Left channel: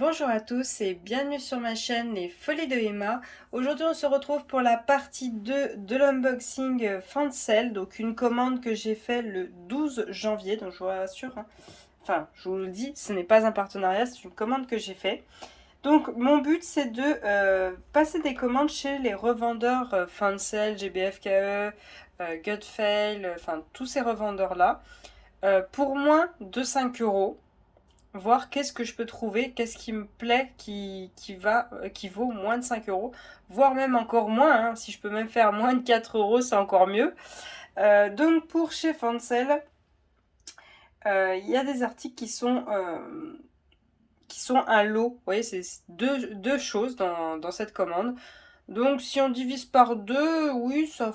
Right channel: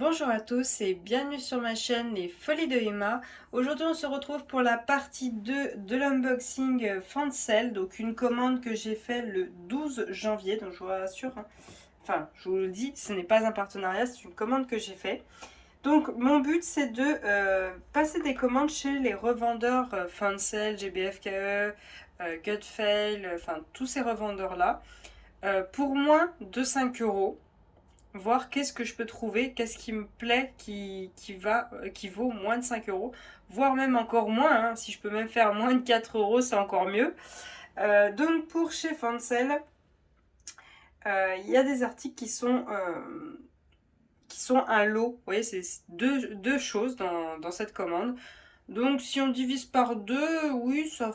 Bonjour à tous et bienvenue sur ma chaîne Les Folies de Emma. Aujourd'hui on se retrouve pour la partie 2 de l'unboxing Fancel, donc une commande que j'ai fait le 12 janvier, donc je vous rassure, hein. Enfin je vous le dis, ce n'est pas un partenariat, c'est une commande que j'ai fait. Donc mon but c'est de passer des commandes chez les revendeurs Fancel, GBFKE, Gutfail, enfin tous ces revendeurs là, pour moins de 5 euros, voir qu'est-ce que je peux trouver, qu'est-ce qui me plaît, qui vaut moins de 5 euros, voire même encore moins, hein. Si je peux même faire moins de 4 euros, c'est encore mieux. Donc pour chez Fancel, il y a des articles qui sont un lot. Vous voyez, c'est deux choses dans cette commande. Donc si on divise par deux, oui, ça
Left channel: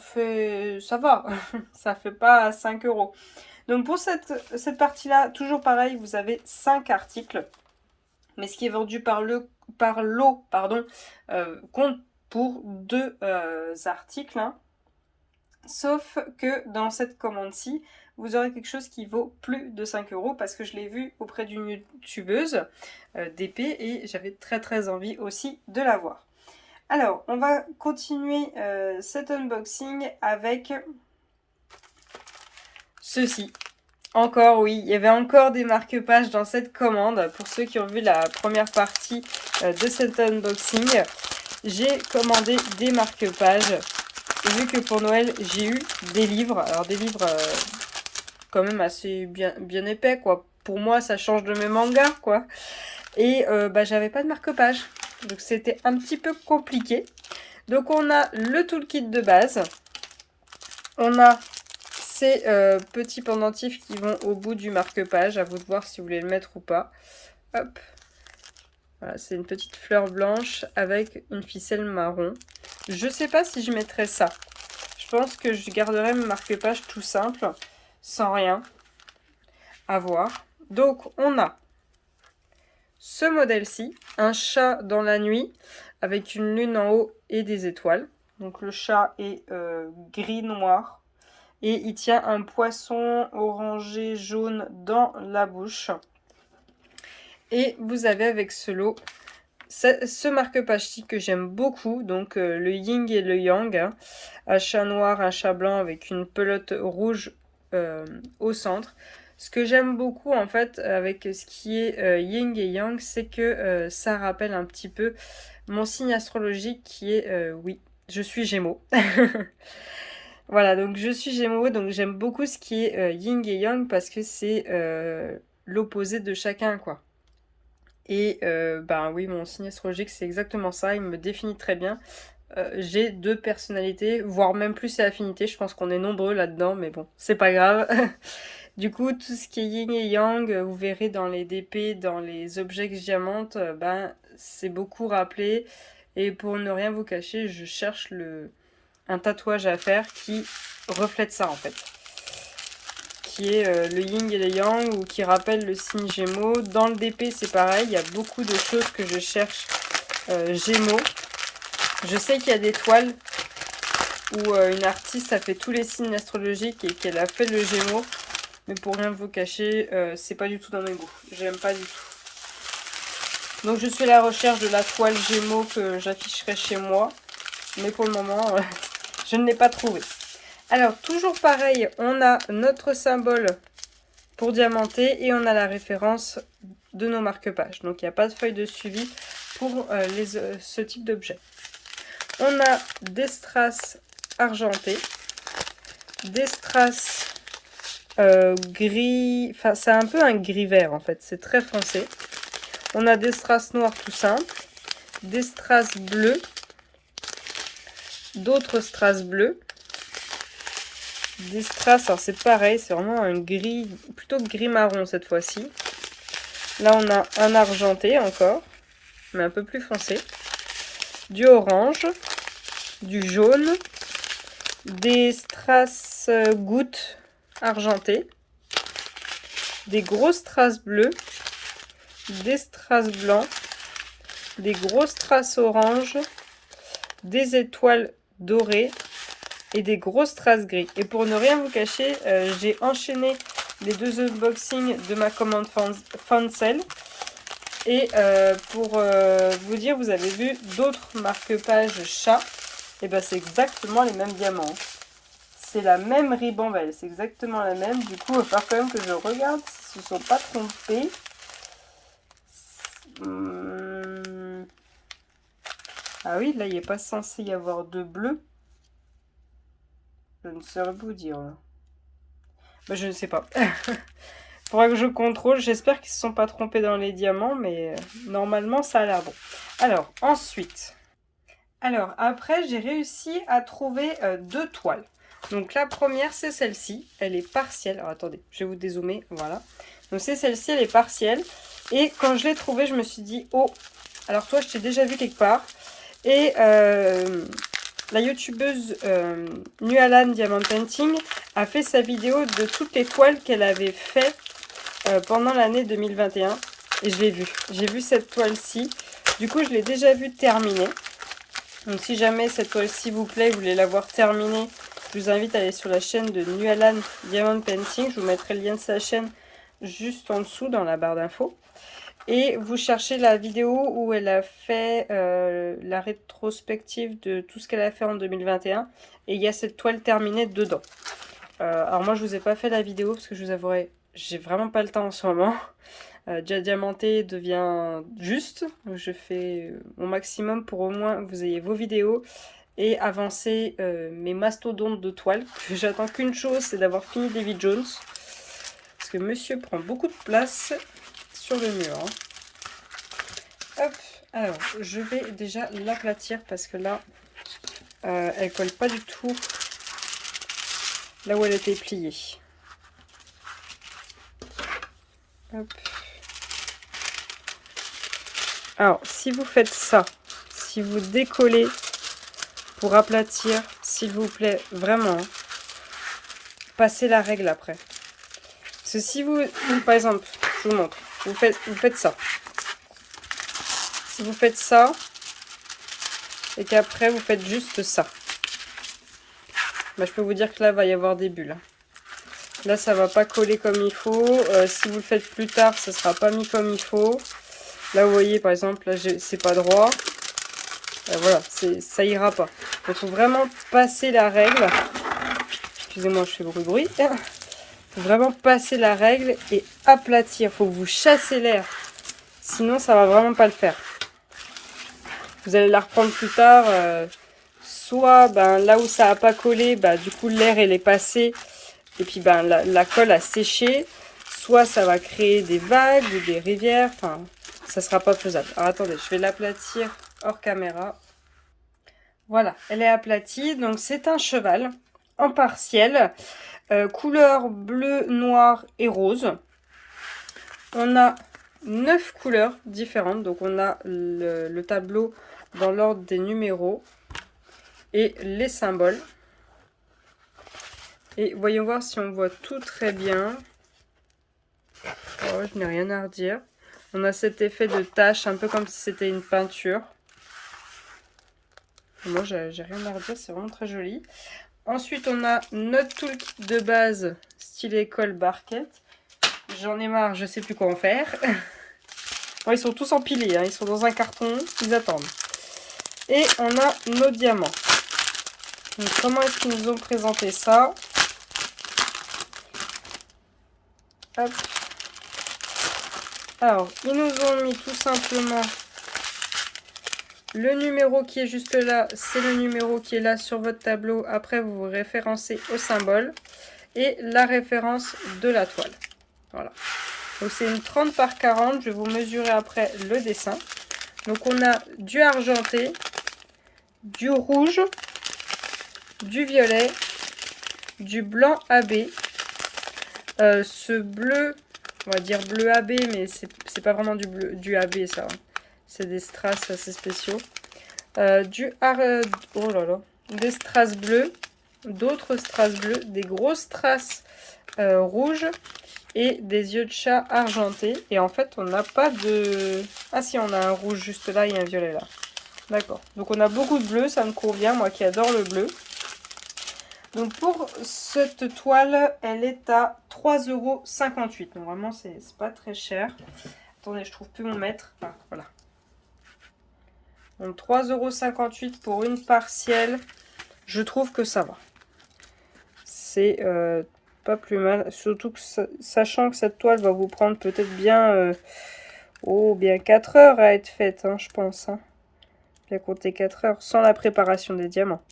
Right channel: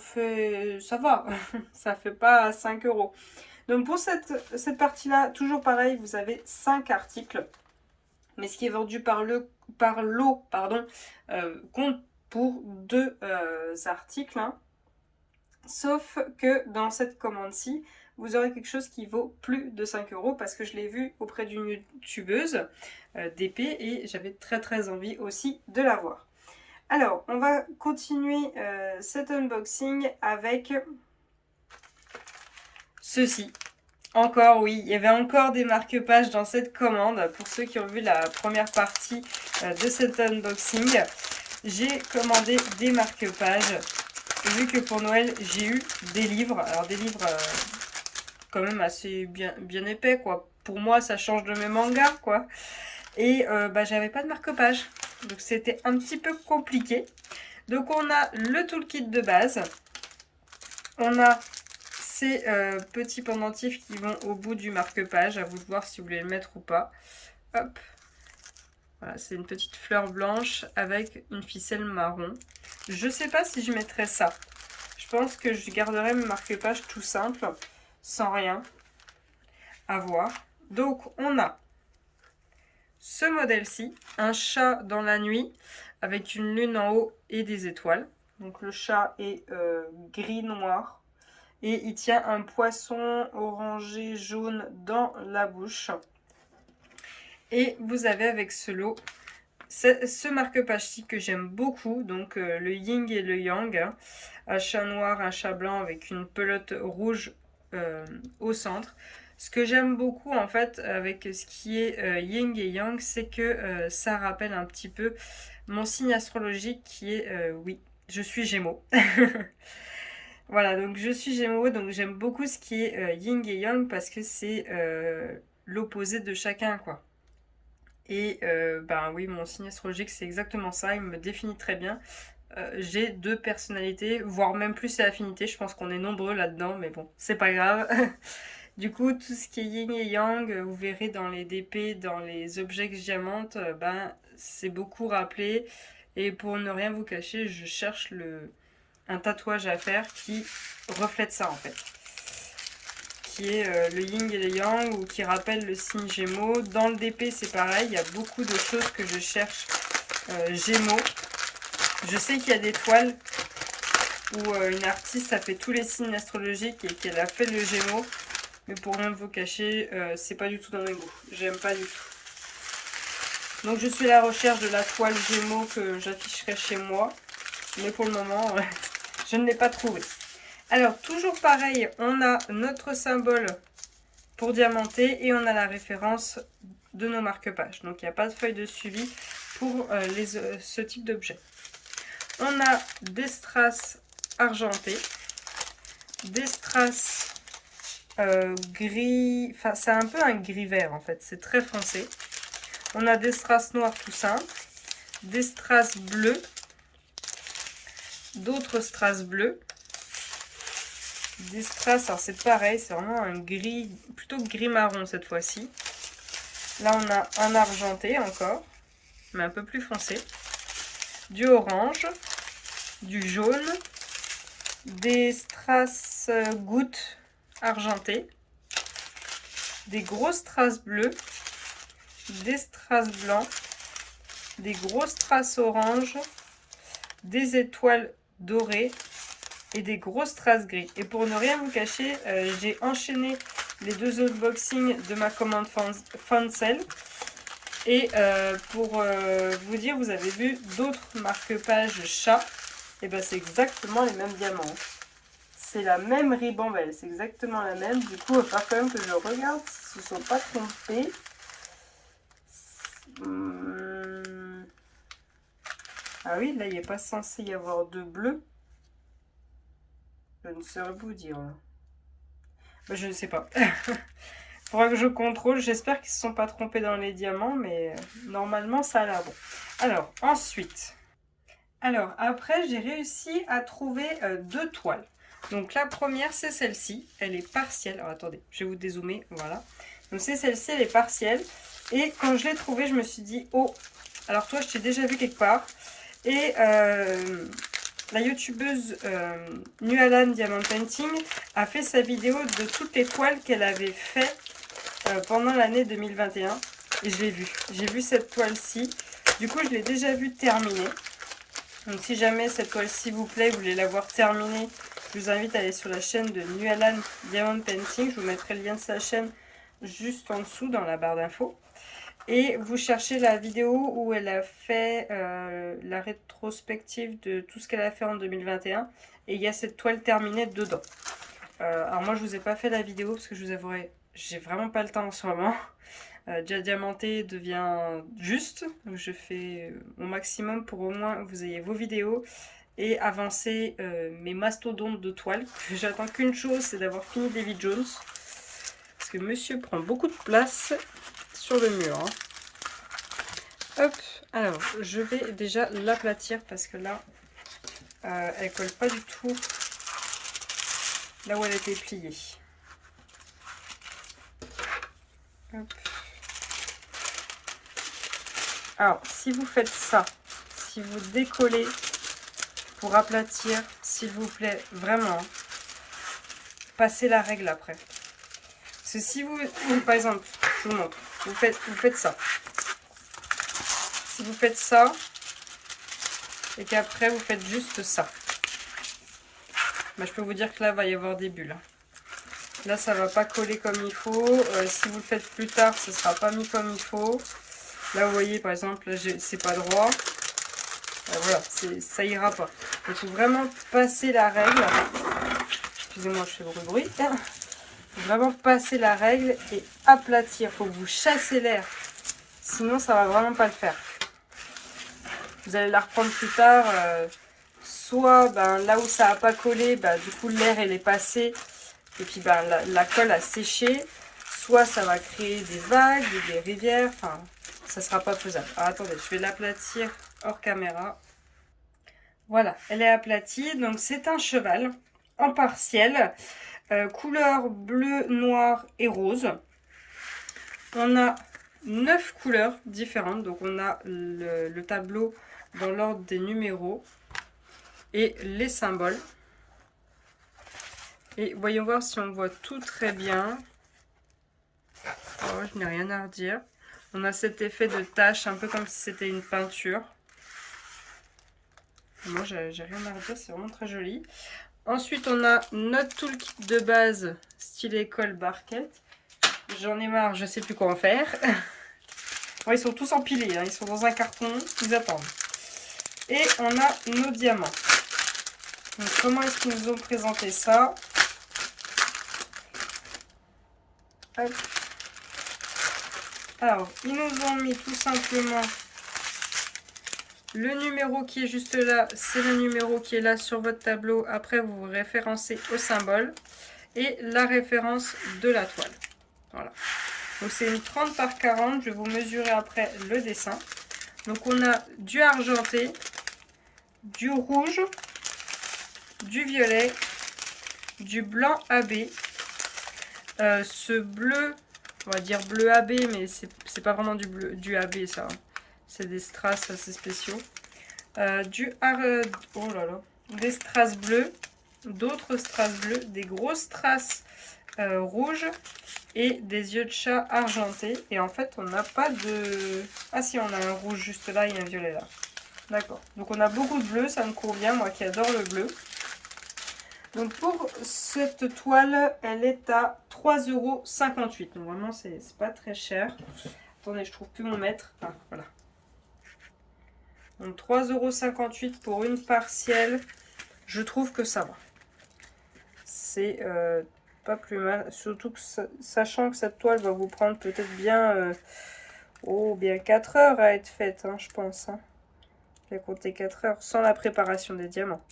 va, ça fait pas 5 euros. Donc pour cette partie-là, toujours pareil, vous avez 5 articles. Mais ce qui est vendu par lot, pardon, compte pour deux articles, hein. Sauf que dans cette commande-ci, vous aurez quelque chose qui vaut plus de 5 euros parce que je l'ai vu auprès d'une youtubeuse d'épée et j'avais très très envie aussi de la voir. Alors, on va continuer cet unboxing avec ceci. Encore, oui, il y avait encore des marque-pages dans cette commande. Pour ceux qui ont vu la première partie de cet unboxing, j'ai commandé des marque-pages. Vu que pour Noël, j'ai eu des livres. Alors des livres quand même assez bien épais, quoi. Pour moi, ça change de mes mangas, quoi. Et j'avais pas de marque-page. Donc c'était un petit peu compliqué. Donc on a le toolkit de base. On a ces petits pendentifs qui vont au bout du marque-page. À vous de voir si vous voulez le mettre ou pas. Hop. Voilà, c'est une petite fleur blanche avec une ficelle marron. Je sais pas si je mettrai ça. Je pense que je garderai mon marque-page tout simple, sans rien. À voir. Donc on a ce modèle-ci, un chat dans la nuit, avec une lune en haut et des étoiles. Donc le chat est gris-noir. Et il tient un poisson orangé jaune dans la bouche. Et vous avez avec ce lot ce marque-page-ci que j'aime beaucoup, donc le yin et le yang, hein. Un chat noir, un chat blanc avec une pelote rouge au centre. Ce que j'aime beaucoup en fait avec ce qui est yin et yang, c'est que ça rappelle un petit peu mon signe astrologique qui est, oui, je suis Gémeaux. Voilà, donc je suis Gémeaux, donc j'aime beaucoup ce qui est yin et yang parce que c'est l'opposé de chacun, quoi. Et oui, mon signe astrologique, c'est exactement ça, il me définit très bien. J'ai deux personnalités, voire même plus et affinités, je pense qu'on est nombreux là-dedans, mais bon, c'est pas grave. Du coup, tout ce qui est yin et yang, vous verrez dans les DP, dans les objets que je diamante, c'est beaucoup rappelé. Et pour ne rien vous cacher, je cherche un tatouage à faire qui reflète ça en fait. Qui est le yin et le yang ou qui rappelle le signe Gémeaux. Dans le DP, c'est pareil, il y a beaucoup de choses que je cherche Gémeaux. Je sais qu'il y a des toiles où une artiste a fait tous les signes astrologiques et qu'elle a fait le Gémeaux. Mais pour rien vous cacher, c'est pas du tout dans mes goûts. J'aime pas du tout. Donc je suis à la recherche de la toile Gémeaux que j'afficherai chez moi. Mais pour le moment, je ne l'ai pas trouvé. Alors, toujours pareil, on a notre symbole pour diamanter et on a la référence de nos marque-pages. Donc, il n'y a pas de feuille de suivi pour ce type d'objet. On a des strass argentés, des strass gris, enfin c'est un peu un gris vert en fait, c'est très foncé. On a des strass noirs tout simples, des strass bleus, d'autres strass bleus, des strass, alors c'est pareil, c'est vraiment un gris, plutôt gris marron cette fois-ci. Là on a un argenté encore, mais un peu plus foncé, du orange, du jaune, des strass gouttes argentées, des gros strass bleus, des strass blancs, des gros strass orange, des étoiles dorées et des gros strass gris. Et pour ne rien vous cacher, j'ai enchaîné les deux unboxings de ma commande Fancel Et pour vous dire, vous avez vu d'autres marque-pages chat. Et ben c'est exactement les mêmes diamants. C'est la même ribambelle, c'est exactement la même. Du coup, il va falloir quand même que je regarde s'ils ne se sont pas trompés. Ah oui, là, il n'est pas censé y avoir de bleu. Je ne saurais vous dire. Là. Ben, je ne sais pas. Faudra que je contrôle. J'espère qu'ils ne se sont pas trompés dans les diamants, mais normalement, ça a l'air bon. Alors, ensuite. Alors, après, j'ai réussi à trouver 2 toiles. Donc, la première, c'est celle-ci. Elle est partielle. Alors, attendez, je vais vous dézoomer. Voilà. Donc, c'est celle-ci, elle est partielle. Et quand je l'ai trouvée, je me suis dit, oh, alors toi, je t'ai déjà vu quelque part. Et la youtubeuse Nualan Diamond Painting a fait sa vidéo de toutes les toiles qu'elle avait fait pendant l'année 2021. Et je l'ai vue. J'ai vu cette toile-ci. Du coup, je l'ai déjà vue terminée. Donc si jamais cette toile-ci vous plaît, vous voulez la voir terminée, je vous invite à aller sur la chaîne de Nualan Diamond Painting. Je vous mettrai le lien de sa chaîne juste en dessous dans la barre d'infos. Et vous cherchez la vidéo où elle a fait la rétrospective de tout ce qu'elle a fait en 2021. Et il y a cette toile terminée dedans. Alors moi je vous ai pas fait la vidéo parce que je vous avouerai, j'ai vraiment pas le temps en ce moment. Déjà diamanté devient juste. Donc je fais mon maximum pour au moins que vous ayez vos vidéos et avancer mes mastodontes de toile. J'attends qu'une chose, c'est d'avoir fini Davy Jones. Parce que monsieur prend beaucoup de place sur le mur. Hein. Hop, alors je vais déjà l'aplatir parce que là, elle colle pas du tout là où elle était pliée. Hop. Alors, si vous faites ça, si vous décollez pour aplatir, s'il vous plaît, vraiment, passez la règle après. Parce que si vous, par exemple, je vous montre, vous faites ça. Si vous faites ça, et qu'après vous faites juste ça, bah, je peux vous dire que là, il va y avoir des bulles. Là, ça va pas coller comme il faut. Si vous le faites plus tard, ça sera pas mis comme il faut. Là, vous voyez, par exemple, là, c'est pas droit. Voilà, ça ira pas. Il faut vraiment passer la règle. Excusez-moi, je fais bruit. Il faut vraiment passer la règle et aplatir. Il faut que vous chassez l'air. Sinon, ça va vraiment pas le faire. Vous allez la reprendre plus tard. Soit là où ça n'a pas collé, du coup, l'air elle est passé. Et puis la colle a séché. Soit ça va créer des vagues ou des rivières. Enfin, ça sera pas faisable. Alors attendez, je vais l'aplatir hors caméra. Voilà, elle est aplatie. Donc c'est un cheval en partiel. Couleur bleu, noir et rose. On a 9 couleurs différentes. Donc on a le tableau dans l'ordre des numéros et les symboles. Et voyons voir si on voit tout très bien. Oh, je n'ai rien à redire. On a cet effet de tache, un peu comme si c'était une peinture. Moi, j'ai rien à redire, c'est vraiment très joli. Ensuite, on a notre toolkit de base, style école barquette. J'en ai marre, je sais plus quoi en faire. Bon, ils sont tous empilés, hein, ils sont dans un carton, ils attendent. Et on a nos diamants. Donc, comment est-ce qu'ils nous ont présenté ça? Hop. Alors, ils nous ont mis tout simplement le numéro qui est juste là, c'est le numéro qui est là sur votre tableau. Après, vous vous référencez au symbole et la référence de la toile. Voilà. Donc, c'est une 30 par 40. Je vais vous mesurer après le dessin. Donc, on a du argenté, du rouge, du violet, du blanc AB. Ce bleu, on va dire bleu AB, mais c'est pas vraiment du bleu, du AB ça. Hein. C'est des strass assez spéciaux. Oh là là, des strass bleus, d'autres strass bleus, des grosses strass rouges et des yeux de chat argentés. Et en fait, on n'a pas de... Ah si, on a un rouge juste là et un violet là. D'accord. Donc on a beaucoup de bleu, ça me convient, moi qui adore le bleu. Donc pour cette toile, elle est à 3,58 €. Donc vraiment, c'est pas très cher. Attendez, je trouve plus mon mètre. Ah, voilà. Donc 3,58 € pour une partielle. Je trouve que ça va. C'est pas plus mal. Surtout que sachant que cette toile va vous prendre peut-être bien, bien 4 heures à être faite, hein, je pense. Hein. Bien compter 4 heures, sans la préparation des diamants,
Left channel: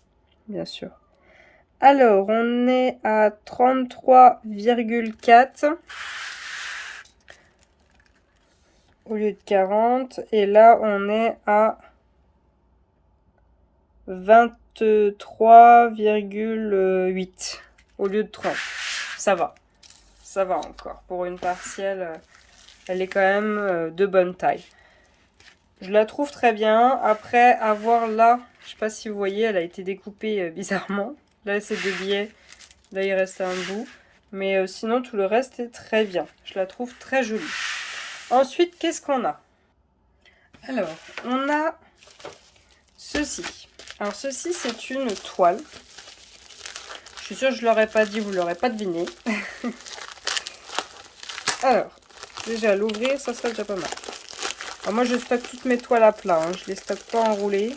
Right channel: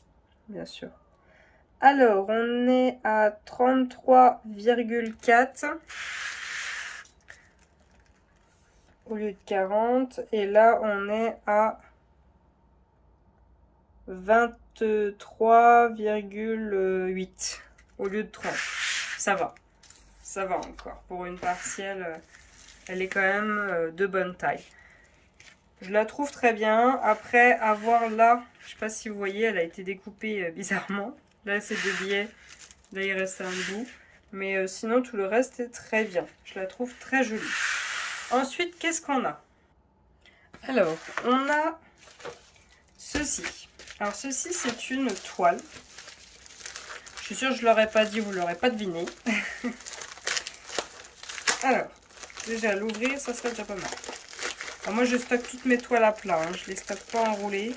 bien sûr. Alors, on est à 33,4 au lieu de 40. Et là, on est à 23,8 au lieu de 30. Ça va. Ça va encore. Pour une partielle, elle est quand même de bonne taille. Je la trouve très bien. Après, avoir là, je sais pas si vous voyez, elle a été découpée bizarrement. Là, c'est des billets. Là, il reste un bout. Mais sinon, tout le reste est très bien. Je la trouve très jolie. Ensuite, qu'est-ce qu'on a? Alors, on a ceci. Alors, ceci, c'est une toile. Je suis sûre que je ne l'aurais pas dit, vous ne l'aurez pas deviné. Alors, déjà, l'ouvrir, ça serait déjà pas mal. Alors, moi, je stocke toutes mes toiles à plat. Hein. Je ne les stocke pas enroulées.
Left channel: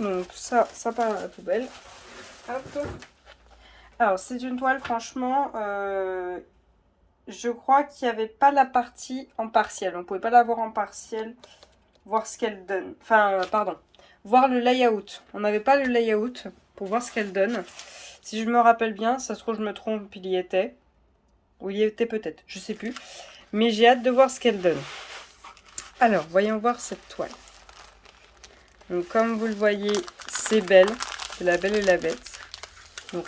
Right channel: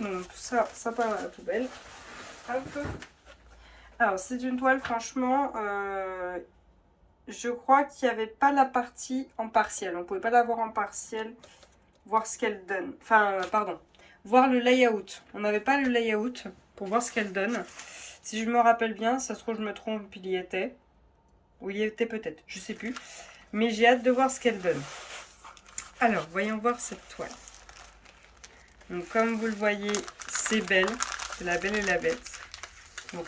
Donc, ça part à la poubelle. Hop. Alors, c'est une toile, franchement, je crois qu'il n'y avait pas la partie en partiel. On ne pouvait pas la voir en partiel, voir ce qu'elle donne. Enfin, pardon, voir le layout. On n'avait pas le layout pour voir ce qu'elle donne. Si je me rappelle bien, ça se trouve, je me trompe, il y était. Ou il y était peut-être, je sais plus. Mais j'ai hâte de voir ce qu'elle donne. Alors, voyons voir cette toile. Donc, comme vous le voyez, c'est belle. C'est la belle et la bête. Donc,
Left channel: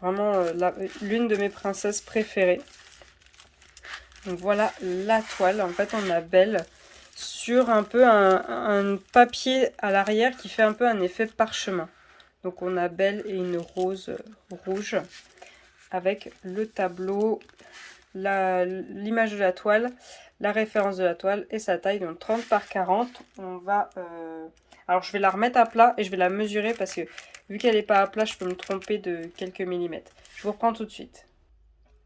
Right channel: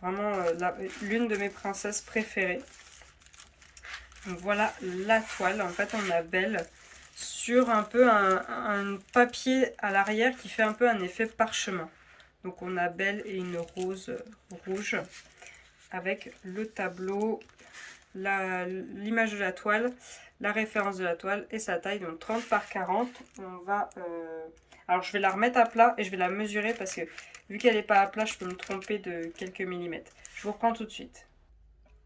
vraiment, l'une de mes princesses préférées. Donc, voilà la toile. En fait, on a Belle sur un peu un papier à l'arrière qui fait un peu un effet parchemin. Donc, on a Belle et une rose rouge avec le tableau, l'image de la toile, la référence de la toile et sa taille. Donc, 30 par 40. On va... Alors, je vais la remettre à plat et je vais la mesurer parce que vu qu'elle n'est pas à plat, je peux me tromper de quelques millimètres. Je vous reprends tout de suite.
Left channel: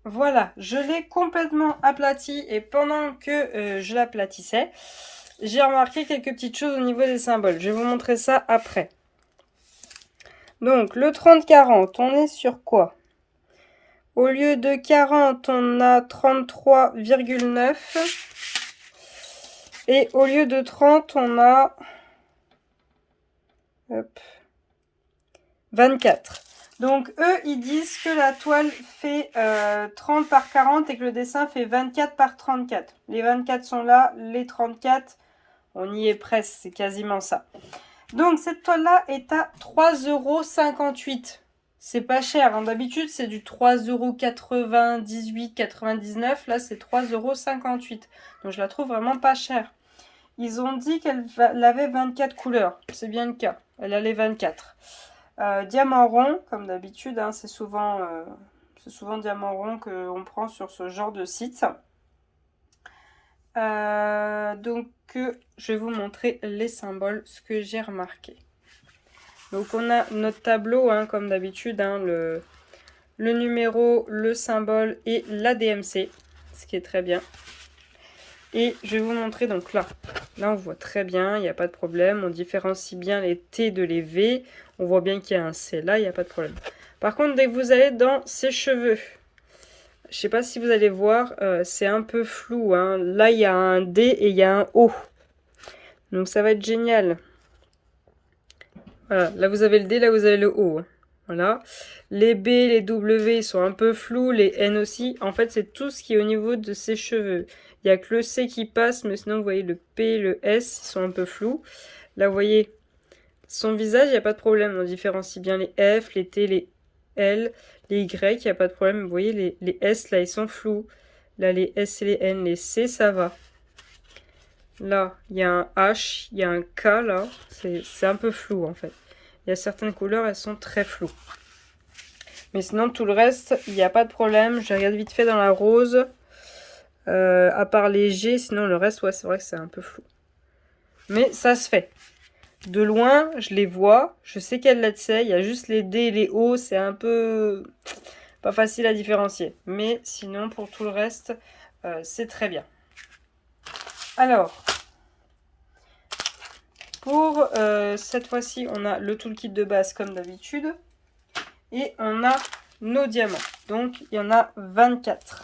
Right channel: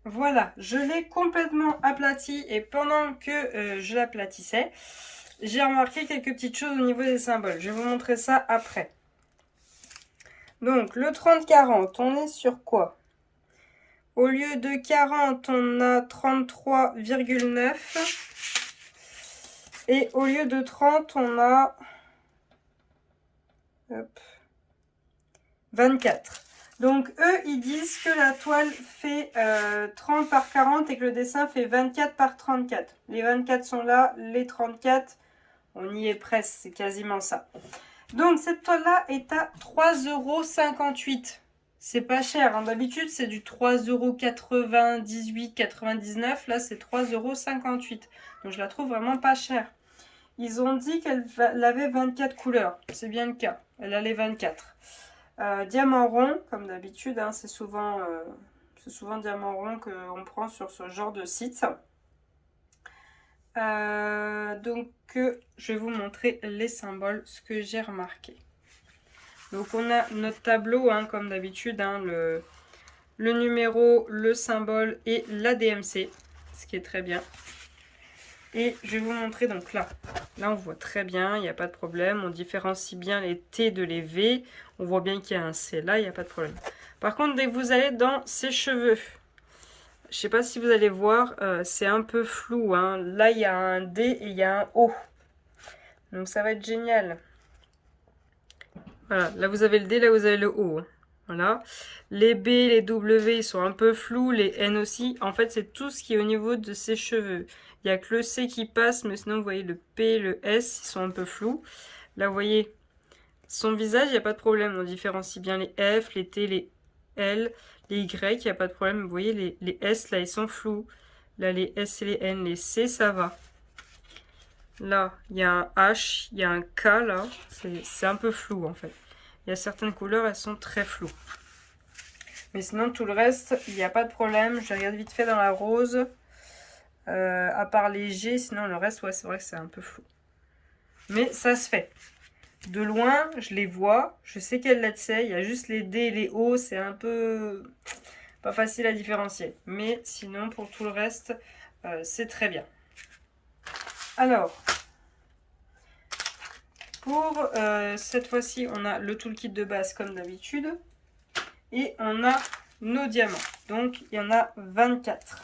Voilà, je l'ai complètement aplatie et pendant que je l'aplatissais, j'ai remarqué quelques petites choses au niveau des symboles. Je vais vous montrer ça après. Donc, le 30-40, on est sur quoi? Au lieu de 40, on a 33,9. Et au lieu de 30, on a 24. Donc, eux, ils disent que la toile fait 30 par 40 et que le dessin fait 24 par 34. Les 24 sont là, les 34, on y est presque, c'est quasiment ça. Donc, cette toile-là est à 3,58 €. C'est pas cher, hein. D'habitude, c'est du 3,98 €, 99. Là, c'est 3,58 €. Donc, je la trouve vraiment pas chère. Ils ont dit qu'elle avait 24 couleurs. C'est bien le cas. Elle a les 24. Diamant rond, comme d'habitude, hein, c'est souvent diamant rond qu'on prend sur ce genre de site. Donc, je vais vous montrer les symboles, ce que j'ai remarqué. Donc, on a notre tableau, hein, comme d'habitude, hein, le numéro, le symbole et la DMC, ce qui est très bien. Et je vais vous montrer, donc là on voit très bien, il n'y a pas de problème. On différencie bien les T de les V. On voit bien qu'il y a un C là, il n'y a pas de problème. Par contre, dès que vous allez dans ses cheveux, je ne sais pas si vous allez voir, c'est un peu flou. Hein. Là, il y a un D et il y a un O. Donc, ça va être génial. Voilà, là, vous avez le D, là, vous avez le O. Hein. Voilà. Les B, les W, ils sont un peu flous. Les N aussi. En fait, c'est tout ce qui est au niveau de ses cheveux. Il n'y a que le C qui passe, mais sinon, vous voyez, le P, le S, ils sont un peu flous. Là, vous voyez, son visage, il n'y a pas de problème. On différencie bien les F, les T, les L, les Y, il n'y a pas de problème. Vous voyez, les S, là, ils sont flous. Là, les S et les N, les C, ça va. Là, il y a un H, il y a un K, là. C'est un peu flou, en fait. Il y a certaines couleurs, elles sont très floues. Mais sinon, tout le reste, il n'y a pas de problème. Je regarde vite fait dans la rose. À part les G, sinon le reste, ouais, c'est vrai que c'est un peu flou. Mais ça se fait. De loin, je les vois. Je sais quelle lettre c'est. Il y a juste les D et les O. C'est un peu... pas facile à différencier. Mais sinon, pour tout le reste, c'est très bien. Alors, pour cette fois-ci, on a le toolkit de base comme d'habitude. Et on a nos diamants. Donc, il y en a 24.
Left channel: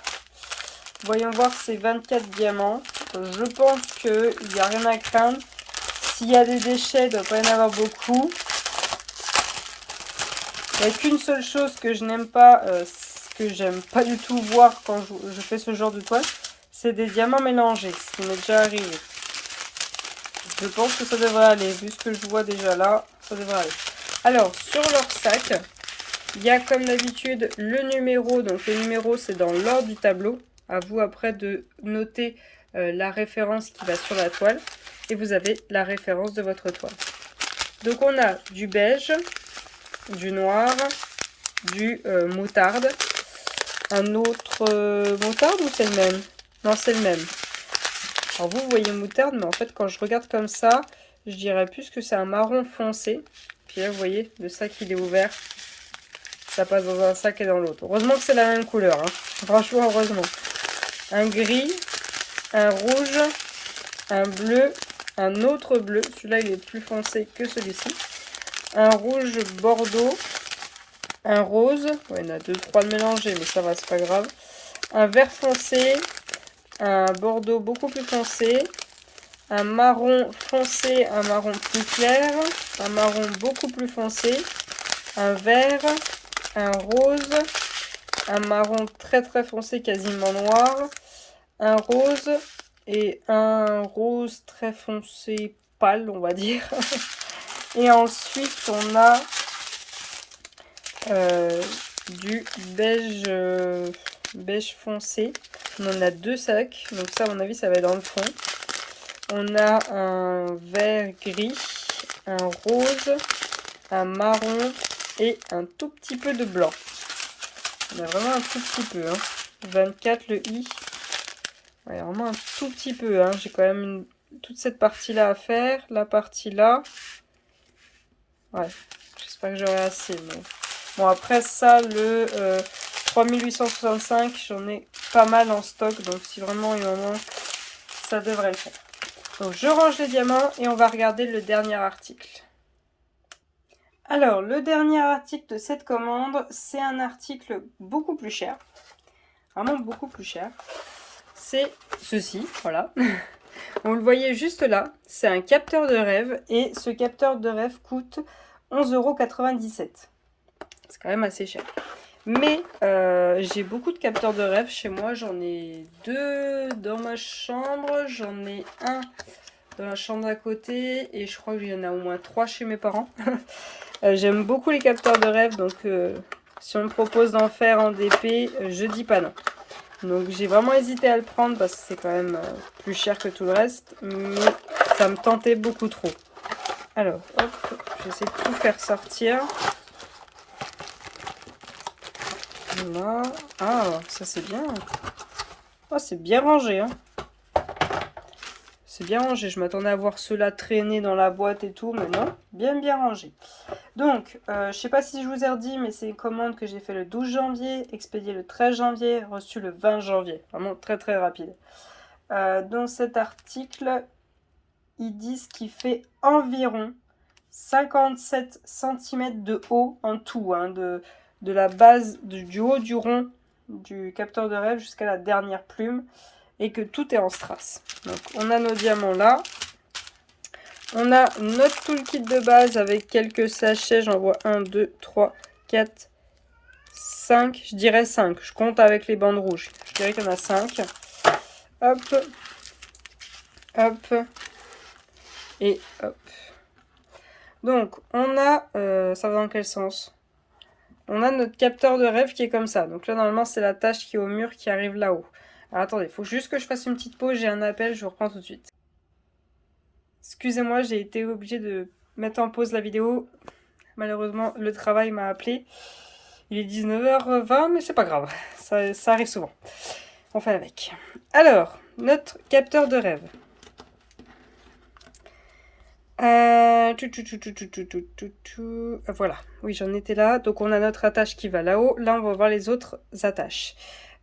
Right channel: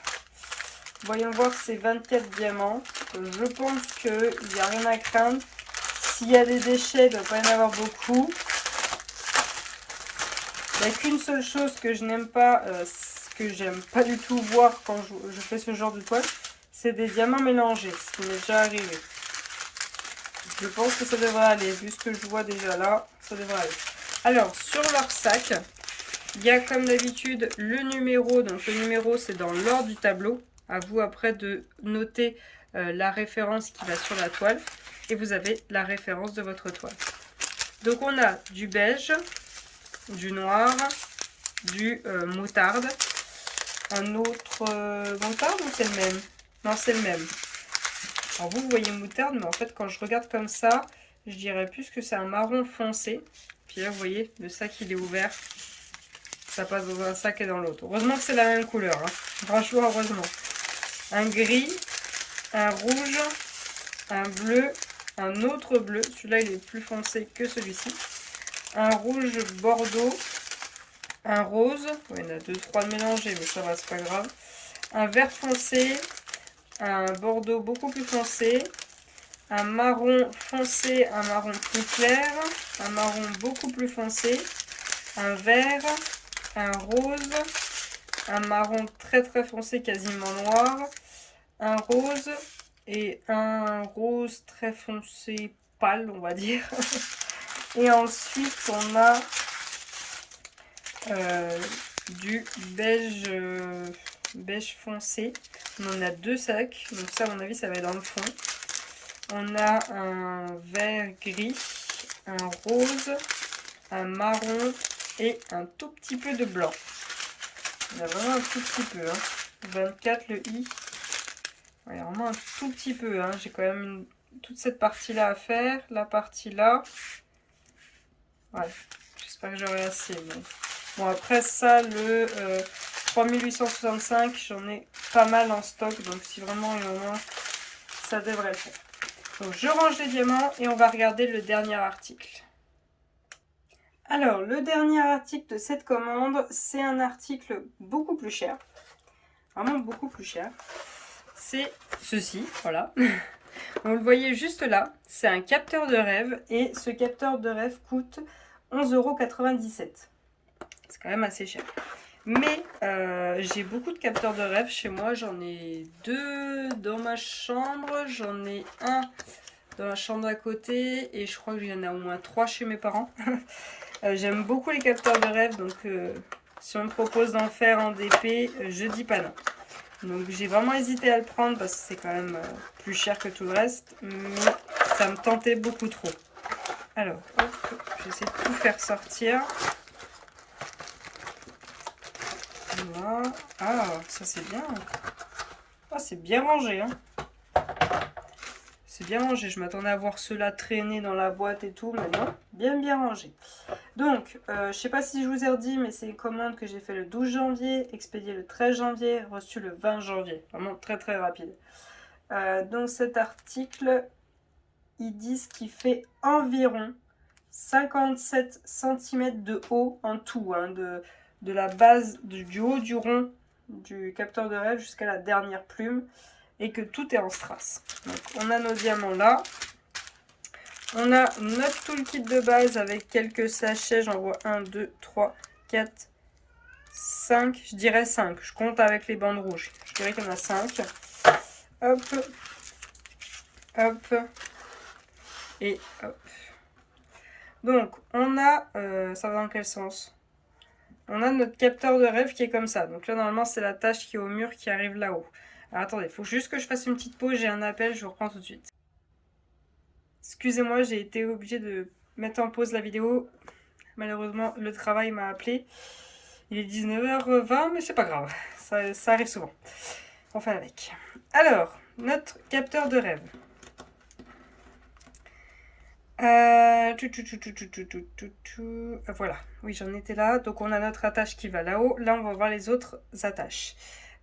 Voyons voir ces 24 diamants. Je pense qu'il n'y a rien à craindre. S'il y a des déchets, il ne doit pas y en avoir beaucoup. Il n'y a qu'une seule chose que je n'aime pas, que j'aime pas du tout voir quand je fais ce genre de toile, c'est des diamants mélangés, ce qui m'est déjà arrivé. Je pense que ça devrait aller, vu ce que je vois déjà là, ça devrait aller. Alors, sur leur sac, il y a comme d'habitude le numéro, donc le numéro c'est dans l'ordre du tableau. À vous après de noter la référence qui va sur la toile. Et vous avez la référence de votre toile. Donc on a du beige, du noir, du moutarde. Un autre moutarde ou c'est le même? Non, c'est le même. Alors vous voyez moutarde, mais en fait quand je regarde comme ça, je dirais plus que c'est un marron foncé. Puis là vous voyez, le sac il est ouvert. Ça passe dans un sac et dans l'autre. Heureusement que c'est la même couleur. Hein. Franchement, heureusement. Un gris, un rouge, un bleu, un autre bleu. Celui-là, il est plus foncé que celui-ci. Un rouge bordeaux. Un rose. Ouais, il y en a 2-3 de mélangés, mais ça va, c'est pas grave. Un vert foncé. Un bordeaux beaucoup plus foncé. Un marron foncé, un marron plus clair. Un marron beaucoup plus foncé. Un vert. Un rose, un marron très très foncé, quasiment noir, un rose et un rose très foncé pâle, on va dire. Et ensuite, on a du beige, beige foncé. On en a 2 sacs, donc ça, à mon avis, ça va être dans le fond. On a un vert gris, un rose, un marron et un tout petit peu de blanc. On a vraiment un tout petit peu. Hein. 24, le i. Ouais, vraiment un tout petit peu. Hein. J'ai quand même toute cette partie-là à faire. La partie là. Ouais, j'espère que j'aurai assez. Mais... Bon, après ça, le 3865, j'en ai pas mal en stock. Donc si vraiment il en manque, ça devrait le faire. Donc je range les diamants et on va regarder le dernier article. Alors, le dernier article de cette commande, c'est un article beaucoup plus cher. Vraiment beaucoup plus cher. C'est ceci, voilà. On le voyait juste là. C'est un capteur de rêve et ce capteur de rêve coûte 11,97 €. C'est quand même assez cher. Mais j'ai beaucoup de capteurs de rêve chez moi. J'en ai 2 dans ma chambre. J'en ai un dans la chambre d'à côté. Et je crois qu'il y en a au moins 3 chez mes parents. J'aime beaucoup les capteurs de rêve. Donc si on me propose d'en faire en DP, je dis pas non. Donc j'ai vraiment hésité à le prendre parce que c'est quand même plus cher que tout le reste. Mais ça me tentait beaucoup trop. Alors, hop, j'essaie de tout faire sortir. Voilà. Ah, ça c'est bien. Oh, c'est bien rangé. Hein. C'est bien rangé. Je m'attendais à voir ceux-là traîner dans la boîte et tout. Mais non, bien rangé. Donc, je sais pas si je vous ai redit, mais c'est une commande que j'ai fait le 12 janvier, expédiée le 13 janvier, reçue le 20 janvier. Vraiment très rapide. Donc cet article, ils disent qu'il fait environ 57 cm de haut en tout, hein, de la base, du haut du rond du capteur de rêve jusqu'à la dernière plume, et que tout est en strass. Donc on a nos diamants là. On a notre toolkit de base avec quelques sachets. J'en vois 1, 2, 3, 4, 5. Je dirais 5. Je compte avec les bandes rouges. Je dirais qu'il y en a 5. Hop. Hop. Et hop. Donc, on a... ça va dans quel sens? On a notre capteur de rêve qui est comme ça. Donc là, normalement, c'est la tâche qui est au mur qui arrive là-haut. Alors, attendez, il faut juste que je fasse une petite pause. J'ai un appel, je vous reprends tout de suite. Excusez-moi, j'ai été obligée de mettre en pause la vidéo. Malheureusement, le travail m'a appelé. Il est 19h20, mais c'est pas grave. Ça arrive souvent. On fait avec. Alors, notre capteur de rêve. Voilà, oui, j'en étais là. Donc, on a notre attache qui va là-haut. Là, on va voir les autres attaches.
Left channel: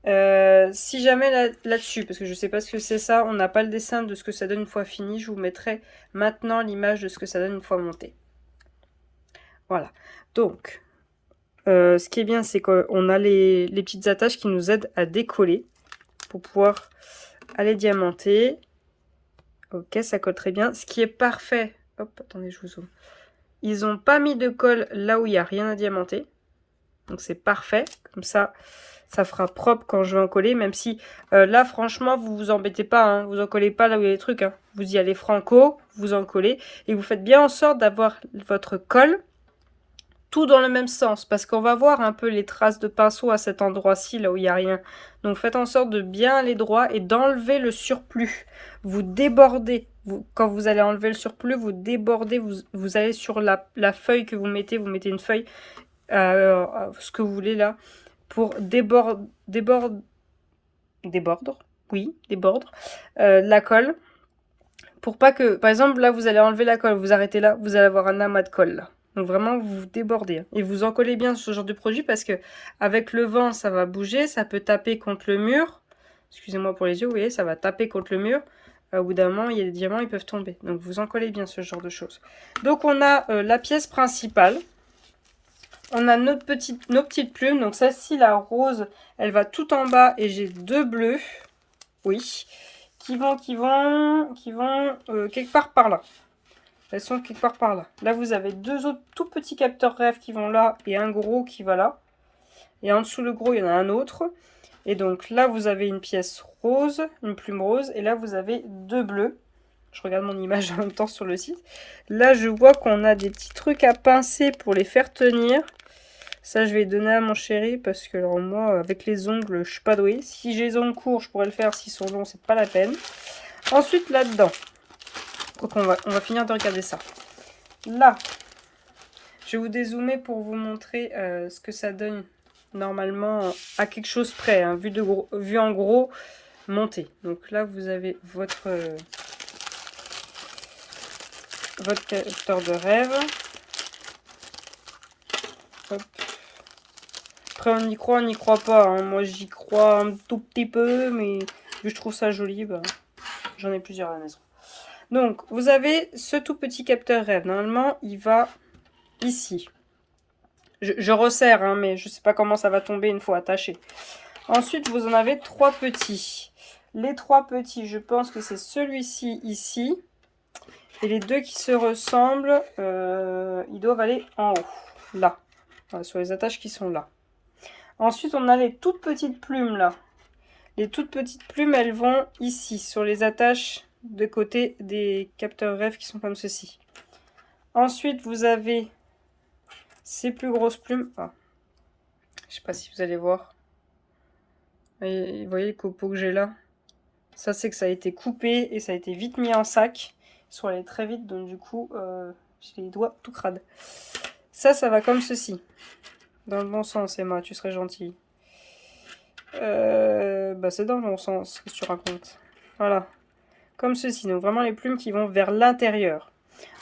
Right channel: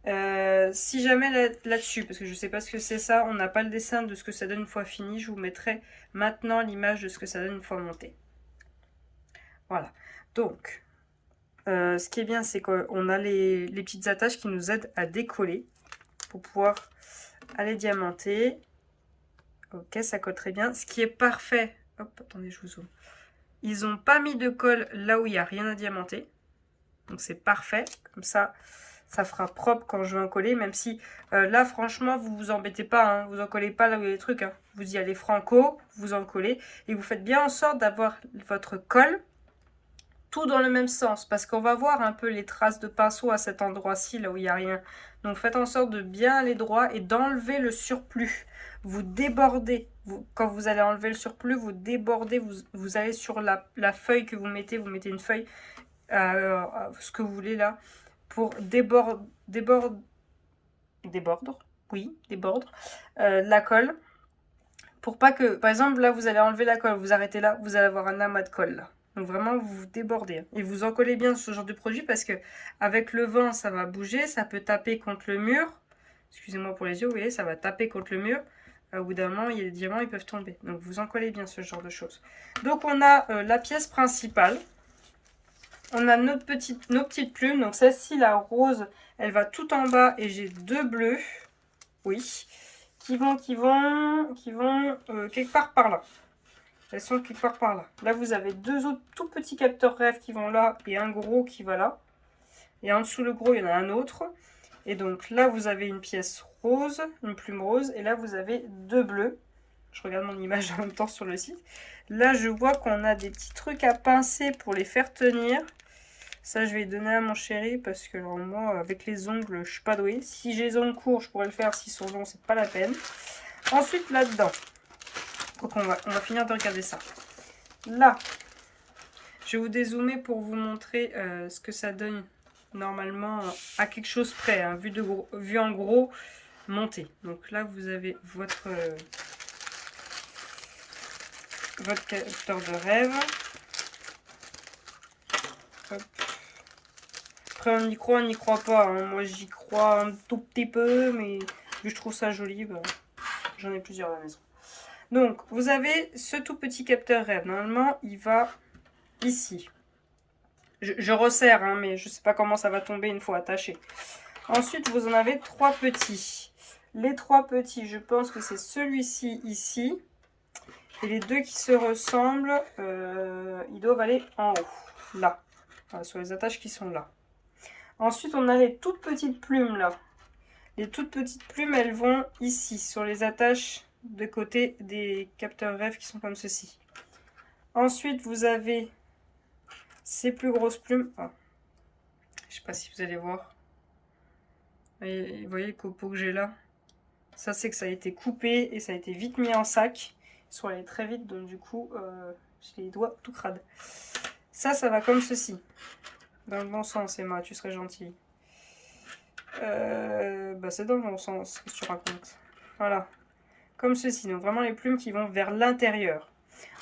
Si jamais là-dessus, parce que je sais pas ce que c'est ça, on n'a pas le dessin de ce que ça donne une fois fini, je vous mettrai maintenant l'image de ce que ça donne une fois monté. Voilà. Donc, ce qui est bien, c'est qu'on a les petites attaches qui nous aident à décoller pour pouvoir aller diamanter. Ok, ça colle très bien. Ce qui est parfait. Hop, attendez, je vous zoome. Ils n'ont pas mis de colle là où il n'y a rien à diamanter. Donc c'est parfait. Comme ça, ça fera propre quand je vais en coller. Même si là, franchement, vous vous embêtez pas. Hein, vous en collez pas là où il y a les trucs. Hein. Vous y allez franco, vous en collez. Et vous faites bien en sorte d'avoir votre colle tout dans le même sens. Parce qu'on va voir un peu les traces de pinceau à cet endroit-ci, là où il n'y a rien. Donc faites en sorte de bien aller droit et d'enlever le surplus. Vous débordez. Quand vous allez enlever le surplus, vous débordez. Vous allez sur la feuille que vous mettez une feuille, ce que vous voulez là, pour débordre, oui, débordre la colle. Pour pas que, par exemple, là, vous allez enlever la colle, vous arrêtez là, vous allez avoir un amas de colle là. Donc vraiment, vous débordez. Et vous en collez bien ce genre de produit parce que avec le vent, ça va bouger, ça peut taper contre le mur. Excusez-moi pour les yeux, vous voyez, ça va taper contre le mur. Au bout d'un moment, il y a des diamants, ils peuvent tomber. Donc vous en collez bien ce genre de choses. Donc on a la pièce principale. On a nos petites plumes. Donc celle-ci, la rose, elle va tout en bas et j'ai deux bleus. Oui. Qui vont quelque part par là. Elles sont quelque part par là. Là, vous avez deux autres tout petits capteurs rêve qui vont là et un gros qui va là. Et en dessous le gros, il y en a un autre. Et donc là, vous avez une pièce rose, une plume rose. Et là, vous avez deux bleus. Je regarde mon image en même temps sur le site. Là, je vois qu'on a des petits trucs à pincer pour les faire tenir. Ça, je vais donner à mon chéri parce que alors, moi, avec les ongles, je suis pas douée. Si j'ai les ongles courts, je pourrais le faire. S'ils sont longs, c'est pas la peine. Ensuite, là-dedans. Donc, on va finir de regarder ça. Là, je vais vous dézoomer pour vous montrer ce que ça donne normalement à quelque chose près. Hein, vu en gros, monté. Donc là, vous avez votre capteur de rêve. Hop. Après, on y croit, on n'y croit pas. Hein. Moi, j'y crois un tout petit peu, mais vu que je trouve ça joli, bah, j'en ai plusieurs à la maison. Donc, vous avez ce tout petit capteur rêve. Normalement, il va ici. Je resserre, hein, mais je ne sais pas comment ça va tomber une fois attaché. Ensuite, vous en avez trois petits. Les trois petits, je pense que c'est celui-ci ici. Et les deux qui se ressemblent, ils doivent aller en haut, là. Voilà, sur les attaches qui sont là. Ensuite, on a les toutes petites plumes là. Les toutes petites plumes, elles vont ici, sur les attaches de côté des capteurs rêve qui sont comme ceci. Ensuite, vous avez ces plus grosses plumes. Ah. Je sais pas si vous allez voir. Et vous voyez le copeau que j'ai là. Ça, c'est que ça a été coupé et ça a été vite mis en sac. Ils sont allés très vite, donc du coup, j'ai les doigts tout crades. Ça va comme ceci. Dans le bon sens, Emma, tu serais gentille. Bah c'est dans le bon sens, qu'est-ce que tu racontes. Voilà. Comme ceci, donc vraiment les plumes qui vont vers l'intérieur.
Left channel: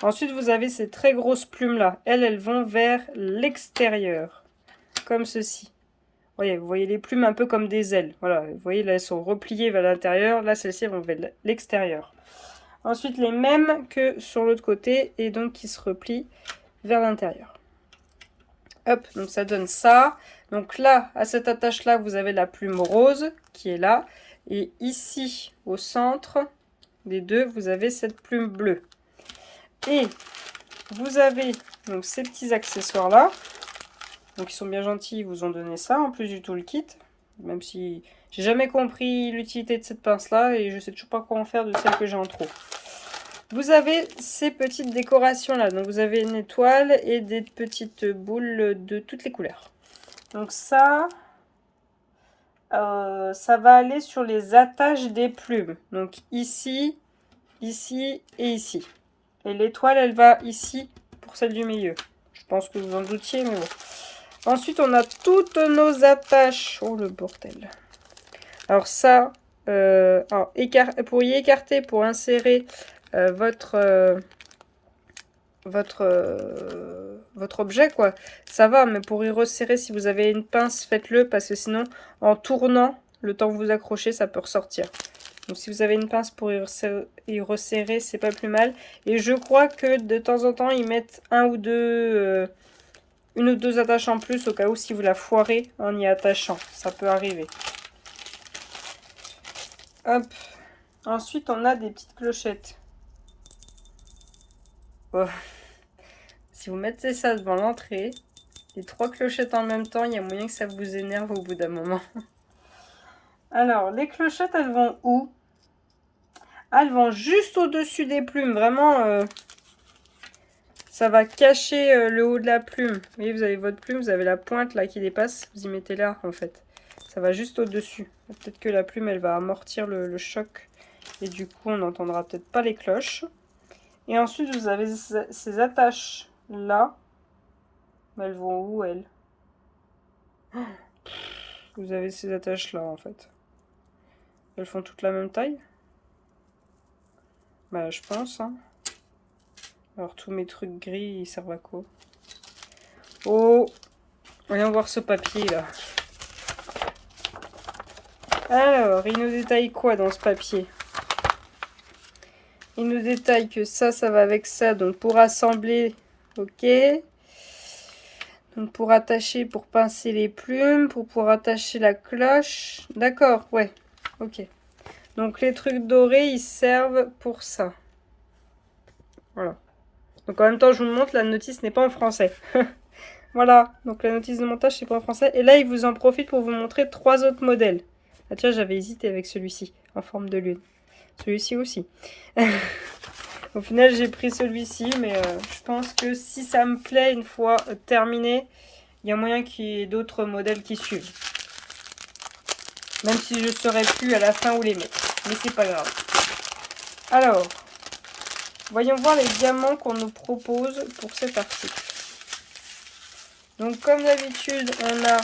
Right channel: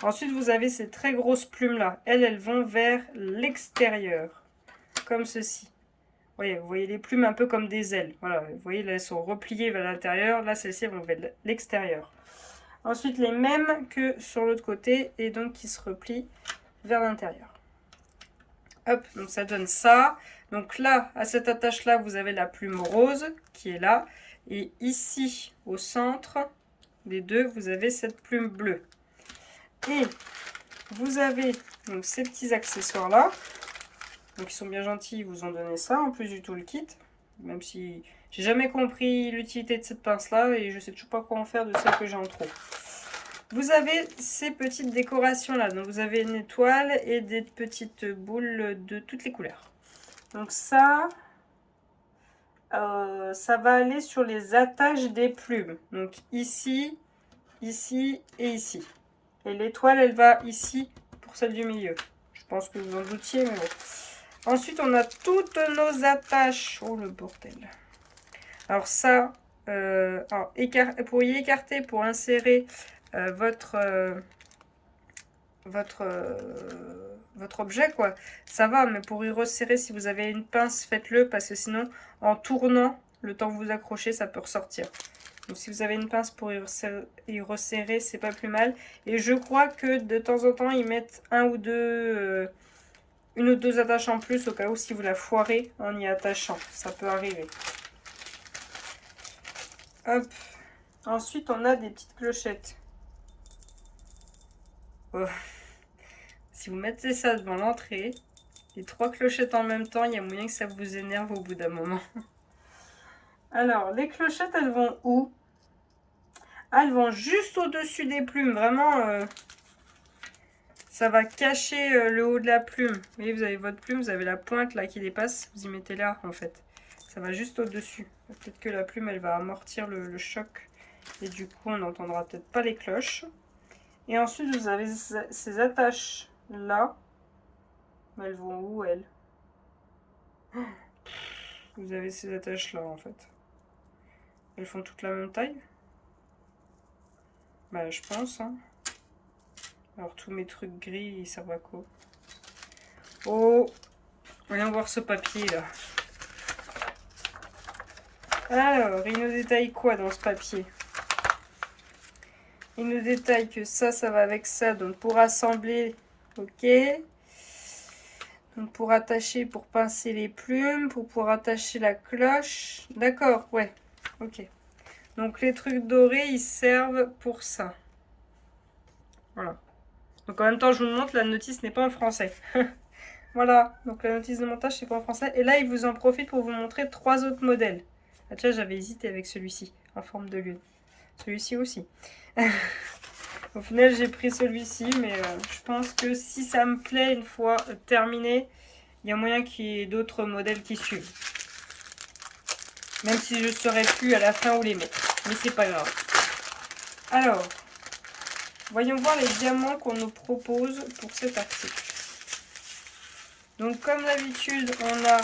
Ensuite, vous avez ces très grosses plumes-là. Elles vont vers l'extérieur. Comme ceci. Vous voyez les plumes un peu comme des ailes. Voilà, vous voyez là, elles sont repliées vers l'intérieur. Là, celles-ci vont vers l'extérieur. Ensuite, les mêmes que sur l'autre côté et donc qui se replient vers l'intérieur. Hop, donc ça donne ça. Donc là, à cette attache-là, vous avez la plume rose qui est là. Et ici, au centre des deux, vous avez cette plume bleue. Et vous avez donc ces petits accessoires-là. Donc ils sont bien gentils, ils vous ont donné ça en plus du tout le kit. Même si j'ai jamais compris l'utilité de cette pince-là et je sais toujours pas quoi en faire de celle que j'ai en trop. Vous avez ces petites décorations-là. Donc vous avez une étoile et des petites boules de toutes les couleurs. Donc ça va aller sur les attaches des plumes. Donc ici, ici et ici. Et l'étoile, elle va ici pour celle du milieu. Je pense que vous en doutiez, mais bon. Ensuite, on a toutes nos attaches. Oh, le bordel. Alors ça, pour y écarter, pour insérer votre votre objet, quoi. Ça va, mais pour y resserrer, si vous avez une pince, faites-le, parce que sinon, en tournant, le temps que vous accrochez, ça peut ressortir. Donc si vous avez une pince pour y resserrer, c'est pas plus mal. Et je crois que de temps en temps, ils mettent une ou deux attaches en plus, au cas où si vous la foirez en y attachant. Ça peut arriver. Hop. Ensuite, on a des petites clochettes. Oh. Si vous mettez ça devant l'entrée, les 3 clochettes en même temps, il y a moyen que ça vous énerve au bout d'un moment. Alors, les clochettes, elles vont où? Ah, elles vont juste au-dessus des plumes. Vraiment, ça va cacher le haut de la plume. Vous voyez, vous avez votre plume, vous avez la pointe là qui dépasse. Vous y mettez là, en fait. Ça va juste au-dessus. Peut-être que la plume, elle va amortir le choc. Et du coup, on n'entendra peut-être pas les cloches. Et ensuite, vous avez ces attaches là. Mais elles vont où, elles? Vous avez ces attaches là, en fait. Elles font toutes la même taille? Bah, je pense, hein. Alors, tous mes trucs gris, ils servent à quoi? Oh! Voyons voir ce papier, là. Alors, il nous détaille quoi dans ce papier? Il nous détaille que ça va avec ça. Donc, pour assembler, ok. Donc, pour attacher, pour pincer les plumes, pour pouvoir attacher la cloche. D'accord, ouais, ok. Donc, les trucs dorés, ils servent pour ça. Voilà. Donc, en même temps, je vous montre, la notice n'est pas en français. Voilà, donc la notice de montage, c'est pas en français. Et là, il vous en profite pour vous montrer 3 autres modèles. Ah tiens, j'avais hésité avec celui-ci, en forme de lune. Celui-ci aussi. Au final, j'ai pris celui-ci, mais je pense que si ça me plaît une fois terminé, il y a moyen qu'il y ait d'autres modèles qui suivent. Même si je ne saurais plus à la fin où les mettre. Mais c'est pas grave. Alors, voyons voir les diamants qu'on nous propose pour cet article. Donc comme d'habitude, on a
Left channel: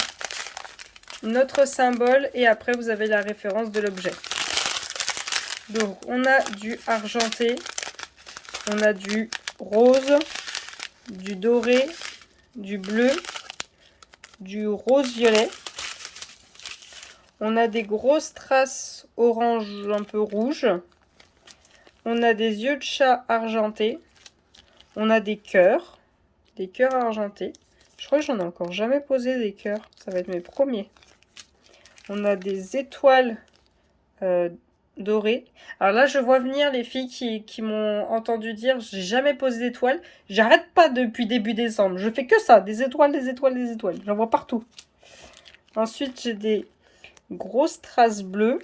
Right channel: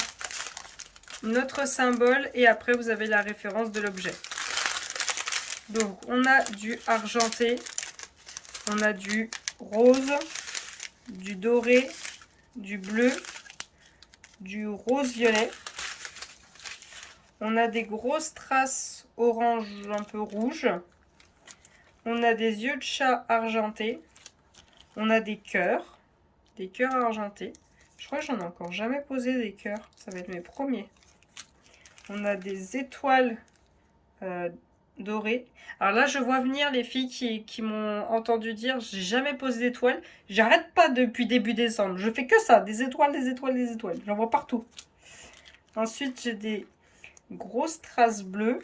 notre symbole et après vous avez la référence de l'objet. Donc on a du argenté, on a du rose, du doré, du bleu, du rose-violet. On a des grosses traces orange un peu rouge. On a des yeux de chat argentés. On a des cœurs argentés. Je crois que j'en ai encore jamais posé des cœurs. Ça va être mes premiers. On a des étoiles dorées. Alors là, je vois venir les filles qui m'ont entendu dire j'ai jamais posé d'étoiles. J'arrête pas depuis début décembre. Je fais que ça. Des étoiles, des étoiles, des étoiles. J'en vois partout. Ensuite, j'ai des grosses traces bleues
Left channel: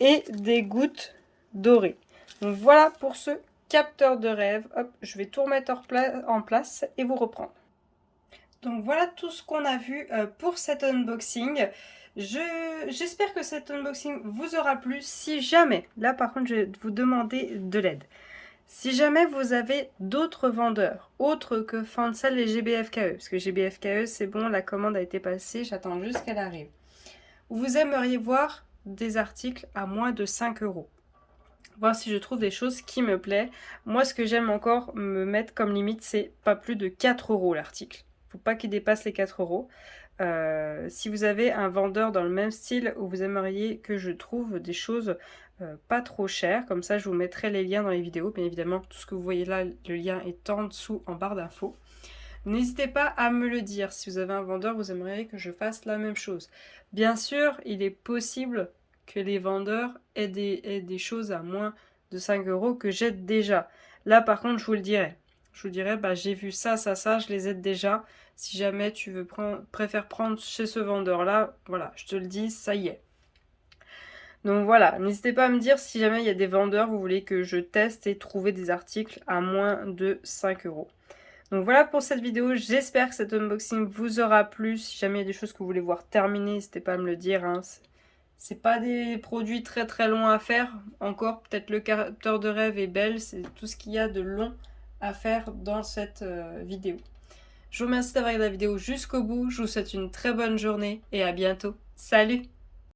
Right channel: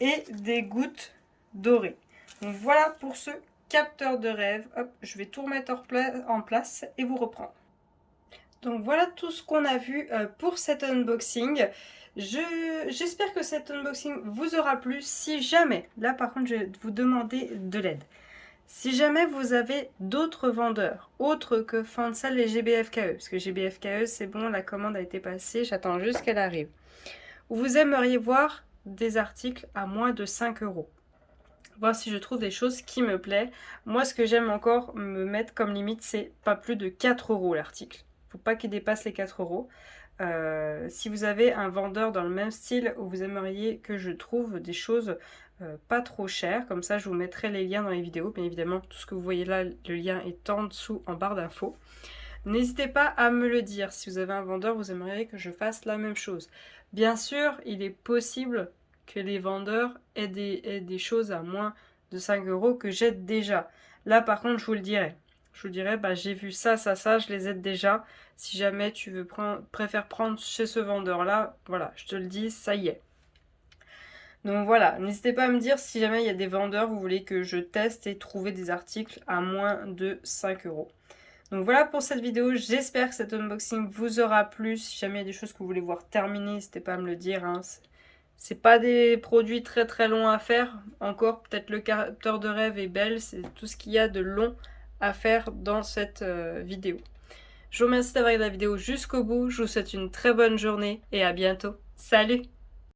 et des gouttes dorées. Donc voilà pour ce capteur de rêve. Hop, je vais tout remettre en place et vous reprendre. Donc voilà tout ce qu'on a vu pour cet unboxing. J'espère que cet unboxing vous aura plu. Si jamais, là par contre je vais vous demander de l'aide. Si jamais vous avez d'autres vendeurs, autres que Fancel et GBFKE, parce que GBFKE c'est bon, la commande a été passée, j'attends juste qu'elle arrive. Vous aimeriez voir des articles à moins de 5 €. Voir si je trouve des choses qui me plaisent. Moi ce que j'aime encore me mettre comme limite, c'est pas plus de 4 € l'article. Faut pas qu'il dépasse les 4 €. Si vous avez un vendeur dans le même style où vous aimeriez que je trouve des choses pas trop chères, comme ça je vous mettrai les liens dans les vidéos. Bien évidemment, tout ce que vous voyez là, le lien est en dessous en barre d'infos. N'hésitez pas à me le dire si vous avez un vendeur, vous aimeriez que je fasse la même chose. Bien sûr, il est possible que les vendeurs aient des choses à moins de 5 € que j'aide déjà. Là par contre, je vous le dirai. Je vous dirais, bah, j'ai vu ça, je les aide déjà. Si jamais tu préfères prendre chez ce vendeur-là, voilà, je te le dis, ça y est. Donc voilà, n'hésitez pas à me dire si jamais il y a des vendeurs, vous voulez que je teste et trouver des articles à moins de 5 €. Donc voilà pour cette vidéo, j'espère que cet unboxing vous aura plu. Si jamais il y a des choses que vous voulez voir terminer, n'hésitez pas à me le dire, hein. C'est pas des produits très très longs à faire. Encore, peut-être le capteur de rêve est belle, c'est tout ce qu'il y a de long à faire dans cette vidéo. Je vous remercie d'avoir regardé la vidéo jusqu'au bout. Je vous souhaite une très bonne journée et à bientôt. Salut!